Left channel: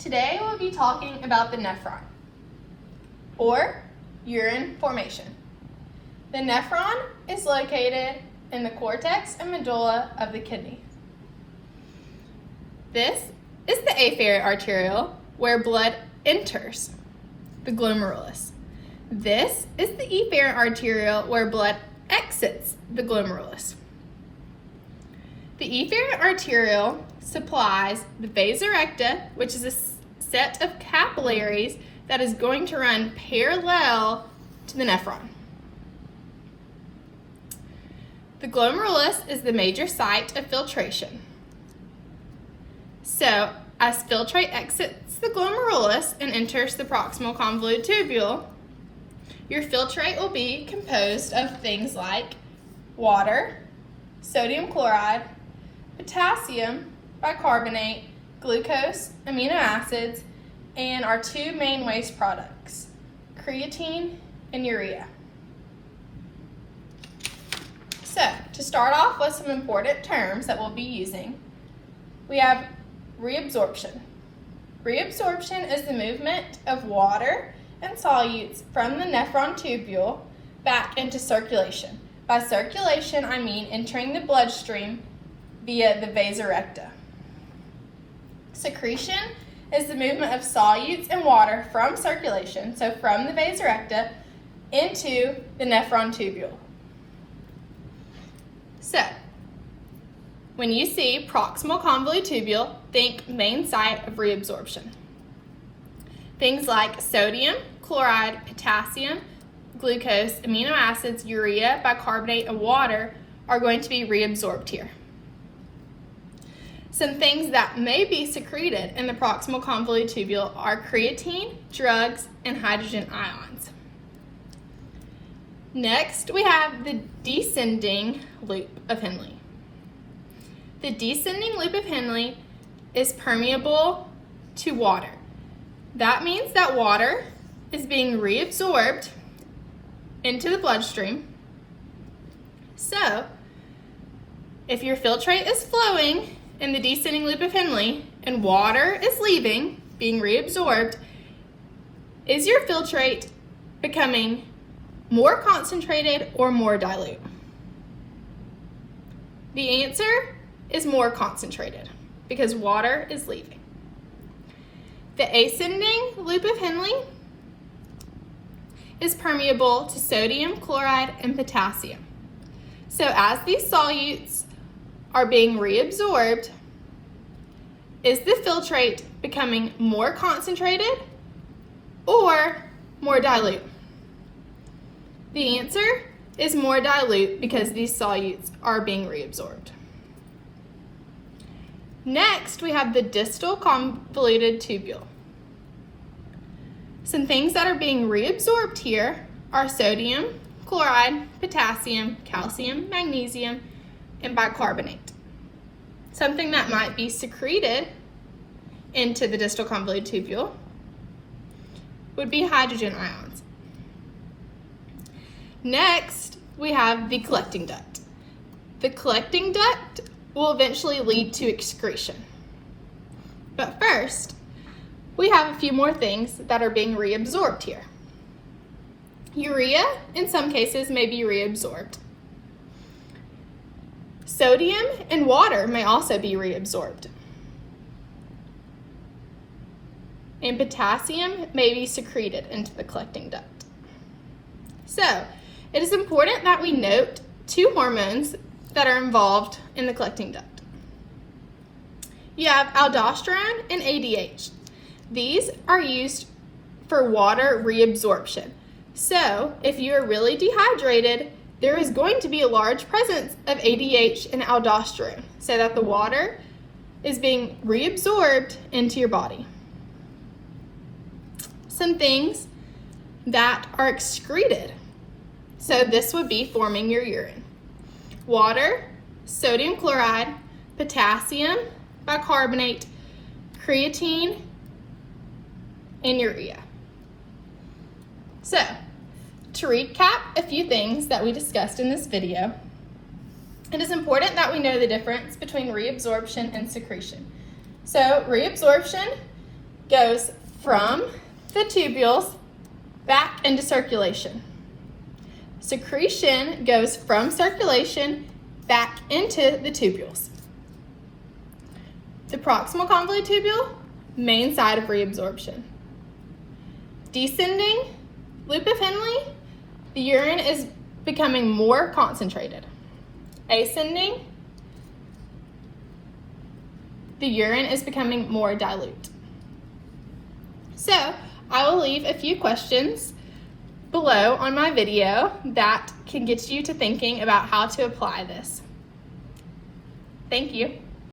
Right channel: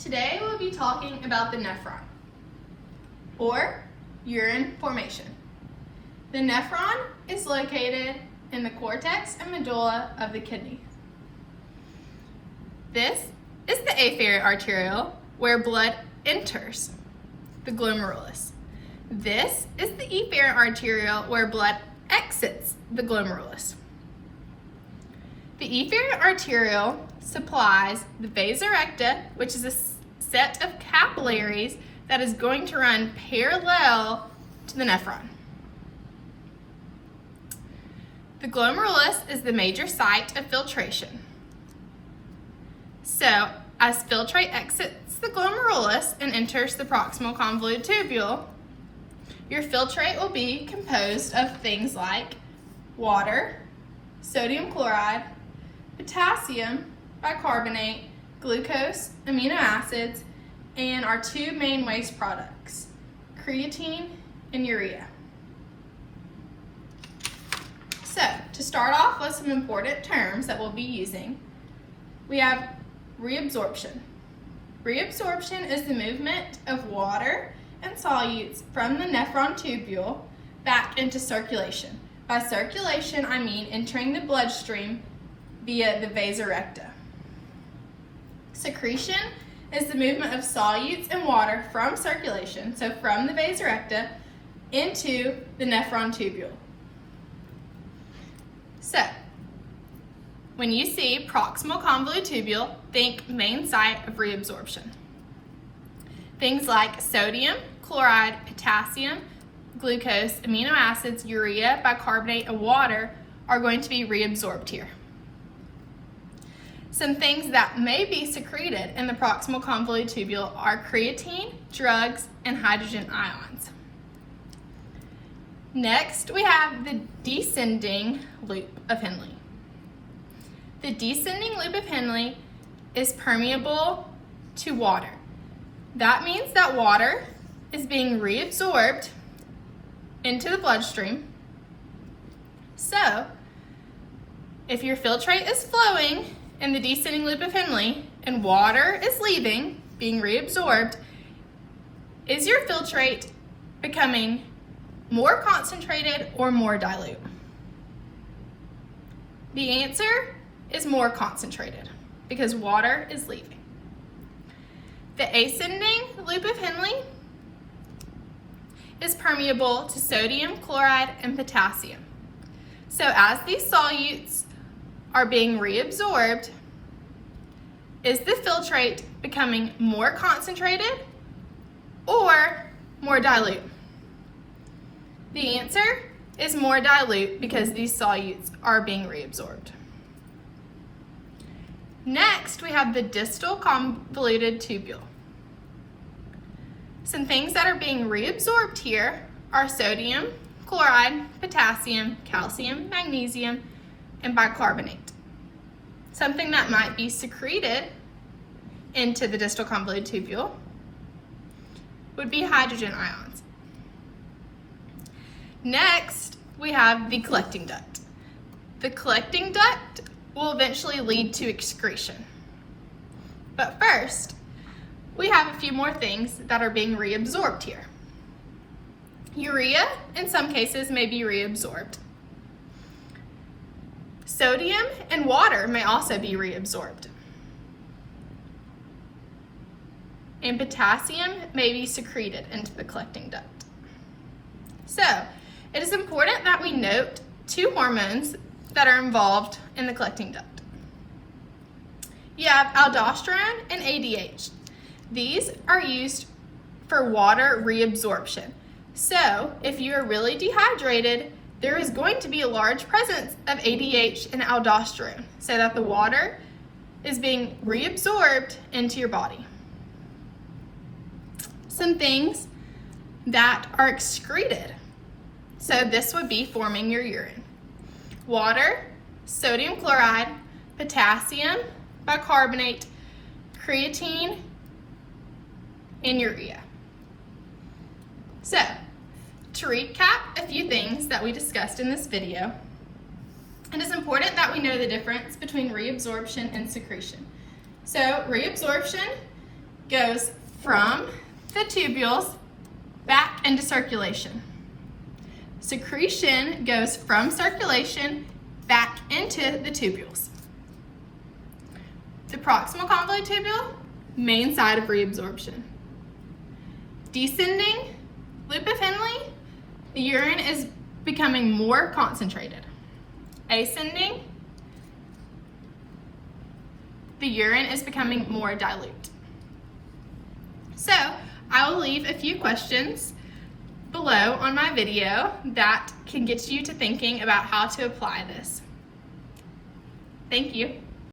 Today we'll be talking about the nephron, or urine formation. The nephron is located in the cortex and medulla of the kidney. This is the afferent arteriole where blood enters the glomerulus. This is the efferent arteriole where blood exits the glomerulus. The efferent arteriole supplies the vasa recta, which is a set of capillaries that is going to run parallel to the nephron. The glomerulus is the major site of filtration. So, as filtrate exits the glomerulus and enters the proximal convoluted tubule, your filtrate will be composed of things like water, sodium chloride, potassium, bicarbonate, glucose, amino acids, and our two main waste products, creatine and urea. So, to start off with some important terms that we'll be using, we have reabsorption. Reabsorption is the movement of water and solutes from the nephron tubule back into circulation. By circulation, I mean entering the bloodstream via the vasa recta. Secretion is the movement of solutes and water from circulation, so from the vasa recta into the nephron tubule. So, when you see proximal convoluted tubule, think main site of reabsorption. Things like sodium, chloride, potassium, glucose, amino acids, urea, bicarbonate, and water are going to be reabsorbed here. Some things that may be secreted in the proximal convoluted tubule are creatine, drugs, and hydrogen ions. Next, we have the descending loop of Henle. The descending loop of Henle is permeable to water. That means that water is being reabsorbed into the bloodstream. So, if your filtrate is flowing in the descending loop of Henle and water is leaving, being reabsorbed, is your filtrate becoming more concentrated or more dilute? The answer is more concentrated because water is leaving. The ascending loop of Henle is permeable to sodium, chloride, and potassium. So as these solutes are being reabsorbed, is the filtrate becoming more concentrated or more dilute? The answer is more dilute because these solutes are being reabsorbed. Next, we have the distal convoluted tubule. Some things that are being reabsorbed here are sodium, chloride, potassium, calcium, magnesium, and bicarbonate. Something that might be secreted into the distal convoluted tubule would be hydrogen ions. Next, we have the collecting duct. The collecting duct will eventually lead to excretion. But first, we have a few more things that are being reabsorbed here. Urea, in some cases, may be reabsorbed. Sodium and water may also be reabsorbed. And potassium may be secreted into the collecting duct. So, it is important that we note two hormones that are involved in the collecting duct. You have aldosterone and ADH. These are used for water reabsorption. So, if you are really dehydrated, there is going to be a large presence of ADH and aldosterone so that the water is being reabsorbed into your body. Some things that are excreted. So this would be forming your urine. Water, sodium chloride, potassium, bicarbonate, creatine, and urea. So, to recap a few things that we discussed in this video, it is important that we know the difference between reabsorption and secretion. So reabsorption goes from the tubules back into circulation. Secretion goes from circulation back into the tubules. The proximal convolute tubule, main side of reabsorption. Descending loop of Henle, the urine is becoming more concentrated. Ascending, the urine is becoming more dilute. So I will leave a few questions below on my video that can get you to thinking about how to apply this. Thank you.